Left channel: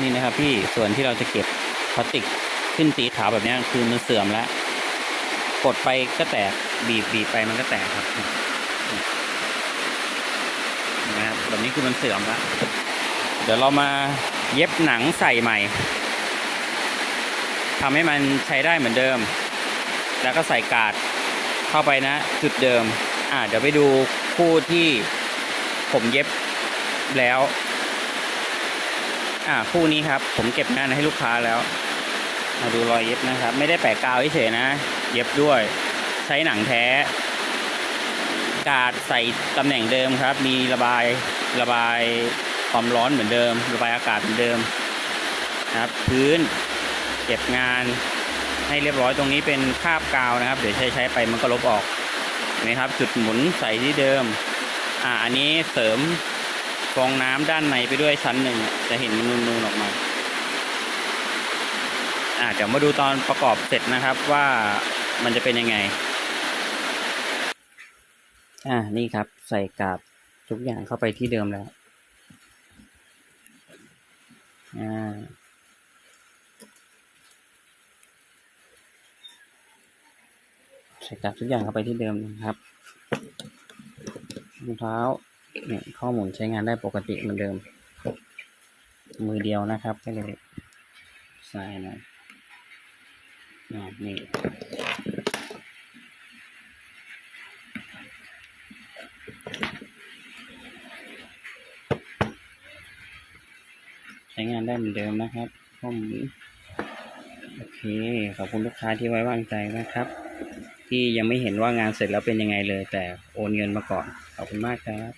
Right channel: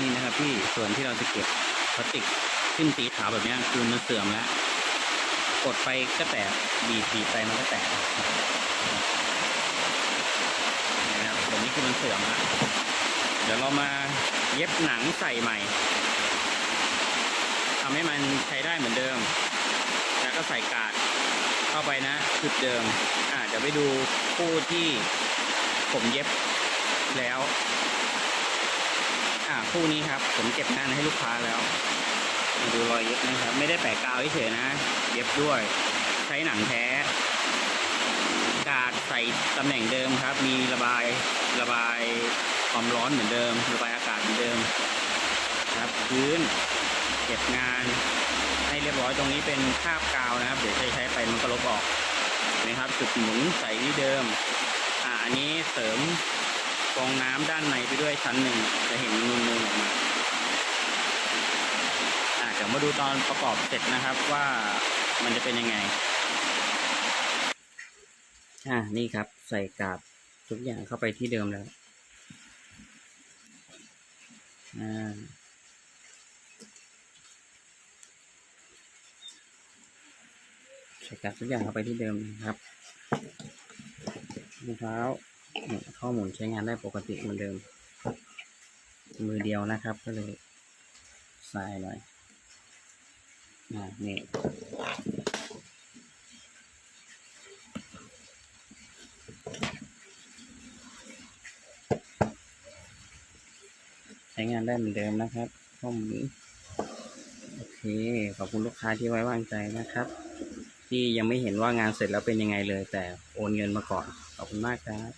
นี่นะครับพี่ส่วนที่เราจะเก็บพลาสติกขึ้นสีขาวแบบนี้คือมันเสื่อมแล้ว กดไปก็แตกบีบบีบไปมันก็แตกครับนะครับแบบนี้คือมันเสื่อมแล้วเดี๋ยวเรามาเย็บหนังใส่ใหม่ทำให้มันใช้ได้เหมือนเดิม แล้วก็ใส่กาดเข้าไปนะ จุดเดิม อ่าเดี๋ยวไปดูคู่ที่ผมเย็บแล้ว อ่าคู่นี้ครับ ผมเก็บงานให้ลูกค้าแล้ว มาดูรอยเย็บนะครับ ไม่ได้แปะกาวเฉยนะ เย็บด้วย ใช้หนังแท้ กาดใส่ตำแหน่งเดิมครับ มีระบายระบายความร้อนเหมือนเดิม ระบายอากาศเหมือนเดิมนะครับ พื้นเก็บงานให้เรียบร้อยตรงนี้เป็นคาบกาวนะครับ เดี๋ยวใช้ใช้ไปมันก็ลบออกนไหมครับ จุดหมุนใส่ที่เดิม อ่าอันนี้เสริม ฟองน้ำด้านในไปด้วยชั้นหนึ่งจะเห็นนูนๆออกมาอ่าเดี๋ยวมาดูตอนประกอบเสร็จนะครับว่ามันจะเป็นยังไง อ่านี่ครับใส่กาบทุกอย่างเข้าไปที่เดิมแล้วอ่าใส่กาบทุกอย่างเข้าไปที่เดิมนะครับรองเท้า ข้อมูลใช้งานได้ปกติเหมือนเดิม มือเดียวนะครับ ก็เลยใส่หน่อยนี่ใช้งานได้เหมือนเดิมนะครับข้อมูลโอเค ขอบคุณลูกค้าที่ไว้วางใจนะครับ ที่ยังไม่เห็นว่างานเสร็จแล้วเป็นยังไงเลย แต่โอนเงินมาก่อน ขอบคุณมากครับ